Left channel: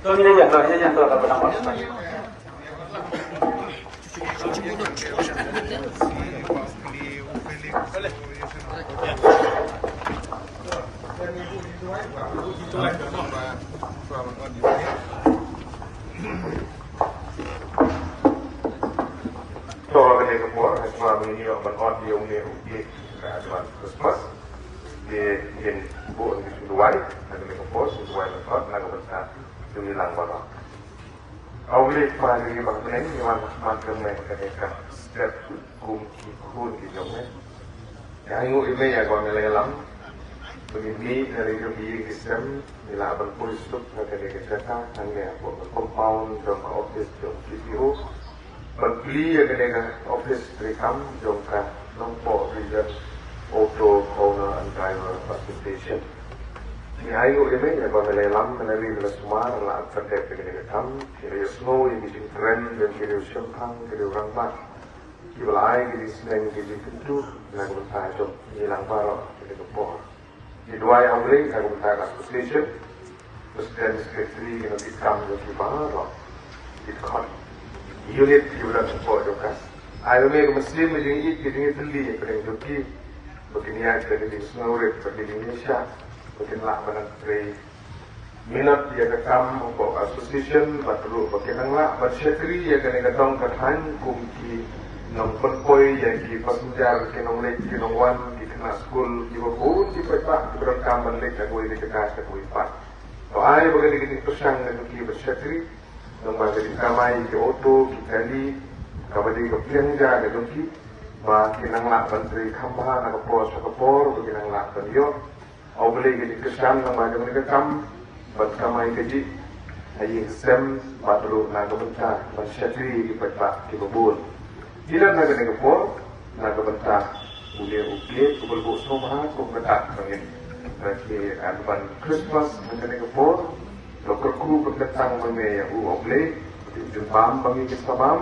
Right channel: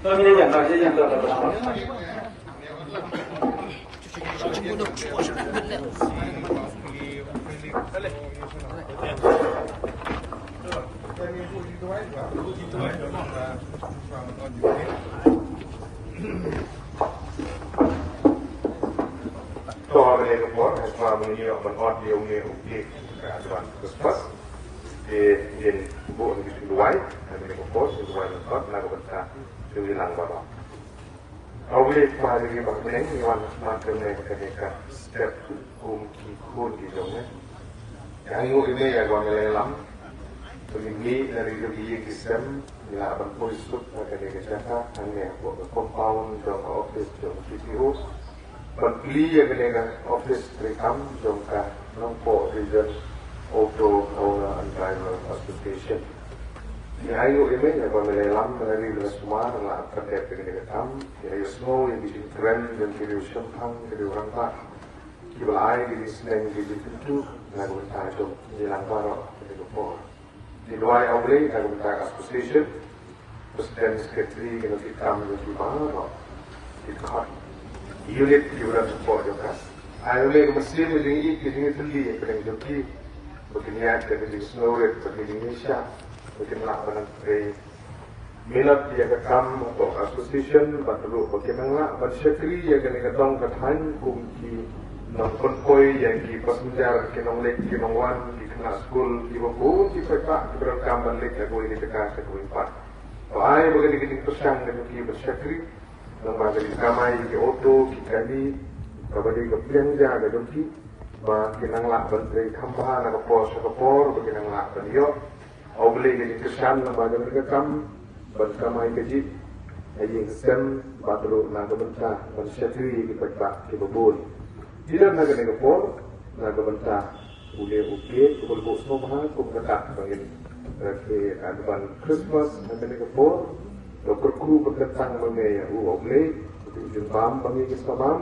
Toda vez que puedo, es para mí un audio que Christmas de buon di luai, nel posto, luai del club, nella volontà di Milano. Audio para di Barlen, di Marcone, che step kun di Jomne. Yang ini ya kalau dalam begini dari jogi sistem bila berpolisuk dari kereta kami compound ke office ke CPO berbeli ya dengan office rekam jongka nomor region auto owner and driver association. Yang ini ya kalau dalam kami semua adalah terdekat dengan rekam ya semua yang di trend dan di siapa di orang pak July di Senin di itu dan mentajam yang baru di Bogor. Di dua yang lain yang mentajam association, presiden sekretari yang hitam yang di mana di tempat unit juga support juga. Akhirnya Muslim ini kita terlihat dengan joki begini ada di Snowred di Indonesia, begini lah dari minat dia ketam untuk association, baru bagaimana sekretari yang kena ketam bertahan bukti nomor koi yang di passenger kena mulai kena wan di kena school di bawah di petak di berkam balik aku ini dekat aku empat. Kalau ayah begini pesan dengan kita bersyukur, membaca di kamai di auto di tadi, kalau di kepiangnya ada joki, makin ngelak menteri kampar ada pos begini ngelak beliau, au beli ini pesan sama dengan rekam berkamai gaji, ayah sem baru nak bentar bersyukur di petak di bawah. Bila nak kena kepor, nak bentar boleh ukir, kubur semua, kubur tak bagi bagi akan Christmas kena kepor, dokter kru berdatang mengenai yang boleh, jempam bagi kisah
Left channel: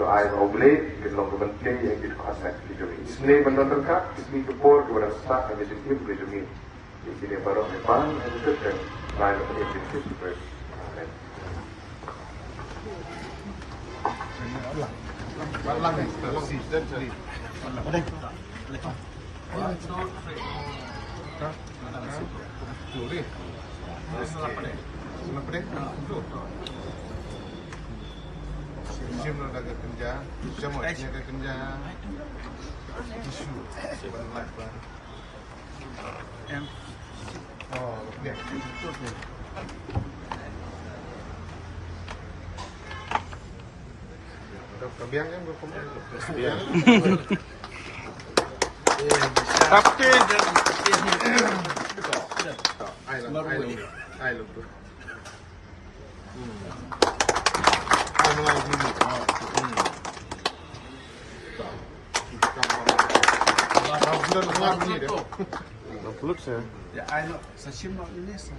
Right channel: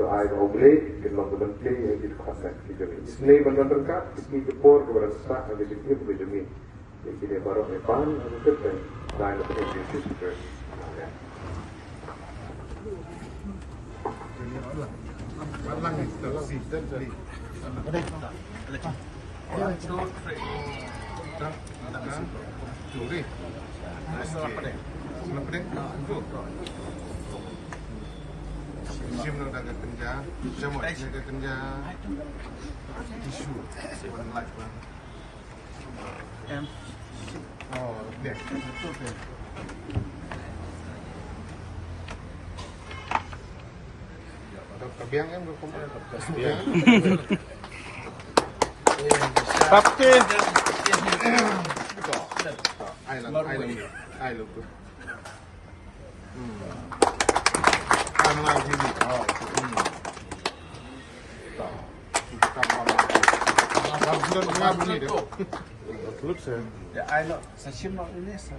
doa yang boleh, kalau kementerian yang kita kuasa kita ini. Isni menonton kak, isni kepor kepada saat yang disini boleh demi. Jadi baru depan yang itu dan lain lepas itu Balang ni, tersi, jadi. Boleh. Curi. Kenapa ni? Itu. Sim nak dagat kerja, semua jaga kerja. Isu, one life lah. Oh, dia. Kebiang kan berkompor. Kebiang. Tapi I love tu. I mengaji ni. Bulan mengaji ni dia. Kulit saya. ya, I know. Sa sim nak ini sa.